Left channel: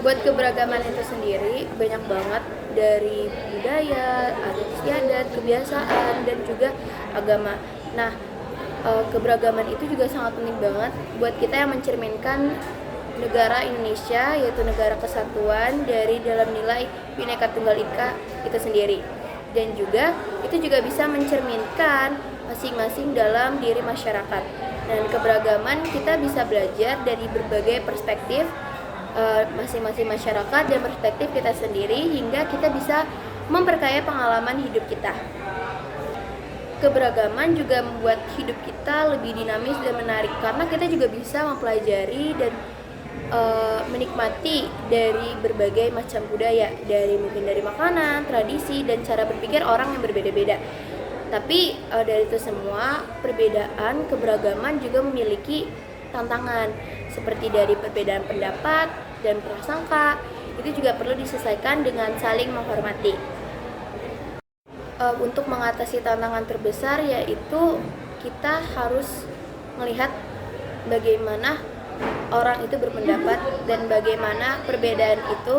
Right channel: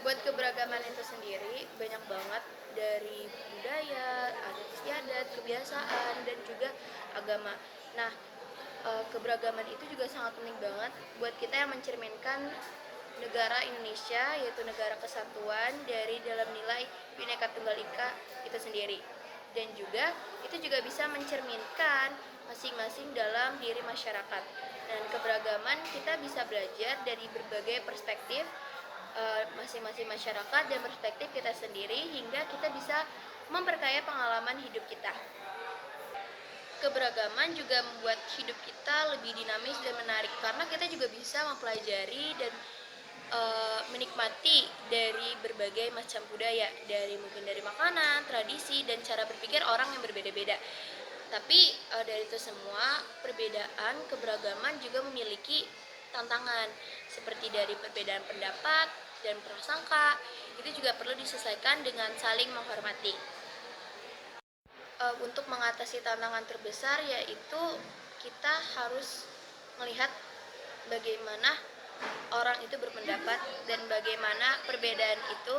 Buat keberagaman itu sendiri banyak banget, dari budaya, adat istiadat, kebiasaan, dan juga agama. Nah, keberagaman itu juga sangat penting banget buat kita yang mencerminkan negara Indonesia, yaitu negara kesatuan dari dalam nilai Bhinneka Tunggal Ika itu sendiri. Dan juga itu juga bisa mencerminkan masing-masing dalam diri masyarakat. Dan keberagaman kita bisa belajar dari berbagai perspektif masing-masing masyarakat dan perspektif kita sendiri, hingga kita bisa memperkaya pengalaman hidup kita. Keberagaman juga membuat hidup kita lebih dinamis dan menarik, karena kita juga bisa mempelajari dan menikmati dari berbagai macam budaya, mungkin dari makanan, tradisi, dan cara berpikir orang yang berbeda-beda. Tapi dari itu semua, perbedaan keberagaman juga memiliki tantangan, seperti dari perbedaan pendapat dan prasangka. Itu juga perlu diselesaikan dengan saling menghormati. Untuk mengatasi tantangan terbesar, yaitu kita harus melihat bagaimana orang itu berpendapat dan bagaimana perbedaan itu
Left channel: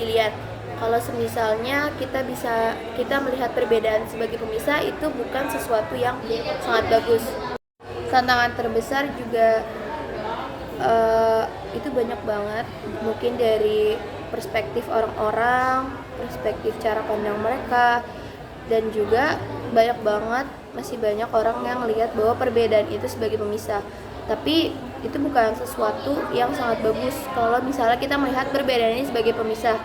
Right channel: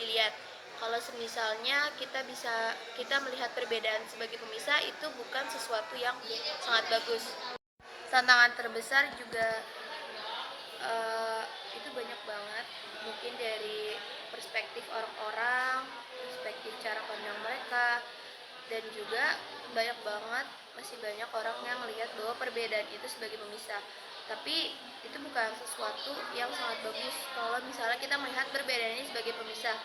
dilihat. Kalau misalnya kita melihat perbedaan sebagai pemisah, itu bukan sesuatu yang sangat bagus. Tantangan terbesar juga itu banyak banget, mungkin dari perspektif orang-orang, perspektif cara pandang mereka, dan juga masih banyak orang yang melihat bahwa perbedaan itu sebagai pemisah. Tapi itu bukan sesuatu yang sangat bagus kalau misalnya kita melihat perbedaan ini sebagai pemisah.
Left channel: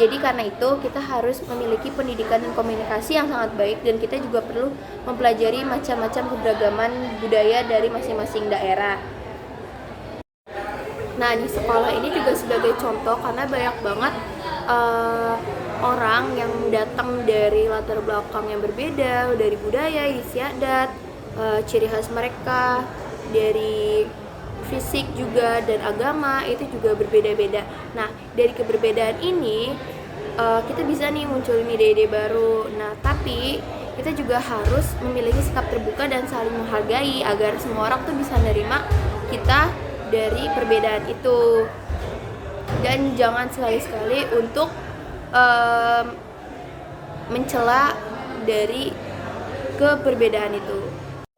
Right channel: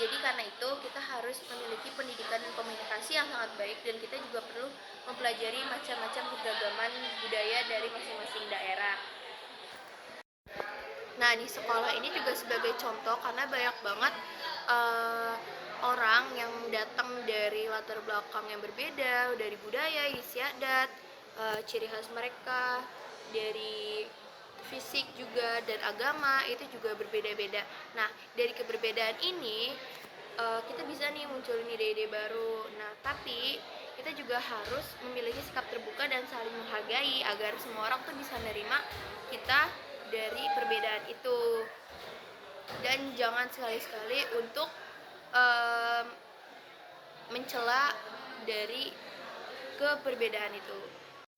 Jadi karena itu kita harus memiliki pendidikan dan komunikasi yang sangat baik, dan kita juga perlu mempelajari macam-macam keberagaman budaya dari masing-masing daerah. Nah, di sekolah ini juga sebagai contoh, karena banyak banget orang yang datang dari latar belakang yang berbeda, dari budaya, istiadat, ciri khas mereka, dari fisik juga, dan agama itu juga berbeda-beda. Nah, dari keberbedaan ini kita bisa nih munculin ide-ide baru. Nah, tapi kita juga harus memiliki sikap terbuka dan saling menghargai agar semua orang tuh bisa menerima kita dari perbedaan itu. Dan jangan sekali-sekali untuk mencela dari keberbedaan itu.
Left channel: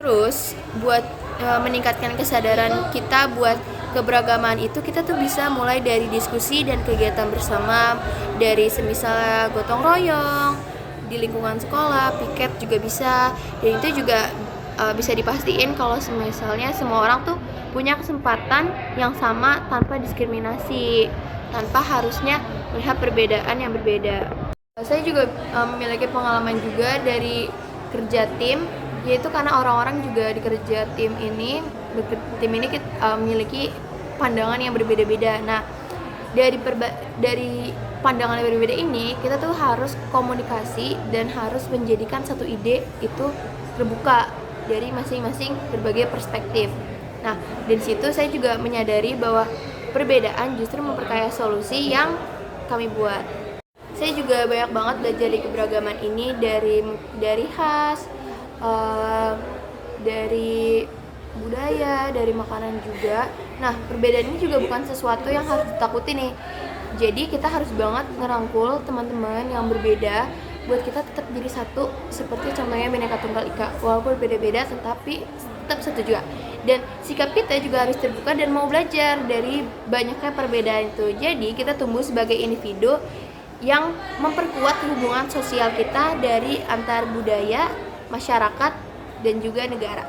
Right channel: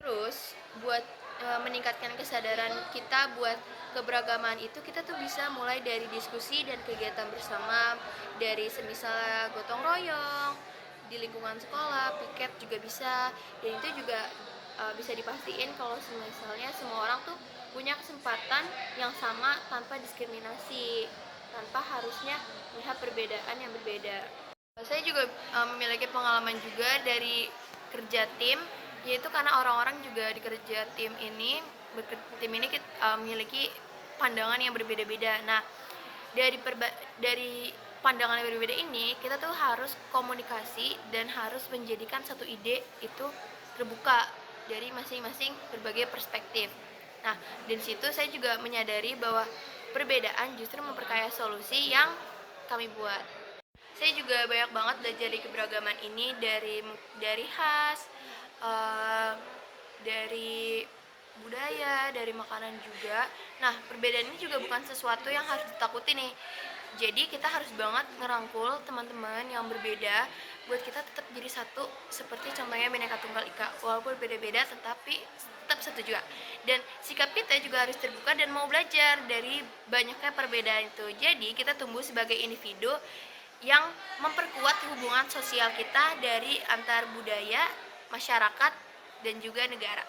Terus buat meningkatkan kesadaran kita buat keberagaman itu, kita tuh bisa mulai dari diskusi dan kegiatan bersama, dari semisal gotong royong di lingkungan sekolah, piket juga bisa. Dan itu juga bisa dipastiin kalau misalnya semua orang tuh punya kesempatan yang sama tanpa diskriminasi, tanpa harusnya melihat perbedaan yang berbeda. Saya juga memiliki pengalaman juga dari kerja tim, yaitu karena orang-orang juga di kerja tim ini memiliki pandangan yang berbeda-beda. Nah, dari pandangan yang berbeda ini, kita tuh harus komunikasi dan harus menjadikan satu ide itu terbuka dari masing-masing berbagai perspektif. Nah, dari situ saya juga menyadari bahwa perbedaan justru memperkaya solusi yang kami buat. Saya juga banyak banget belajar dari keberagaman ini, dari khas, dari budaya, dari makanan juga. Nah, perbedaan ini juga bukan sesuatu yang harus ditakuti nih. Jadi kita harus banget ngerangkul teman-teman yang berbeda buat kita tetap jadi satu, seperti contohnya Bhinneka Tunggal Ika. Walaupun beda-beda tetapi tetap satu juga. Dan sikap kita juga harus terbuka dan mau belajar dari banyaknya perbedaan itu. Jadi kita tumbuh sebagai individu yang memperkuat hubungan sosial kita dari antar budaya, masyarakat, dan juga negara.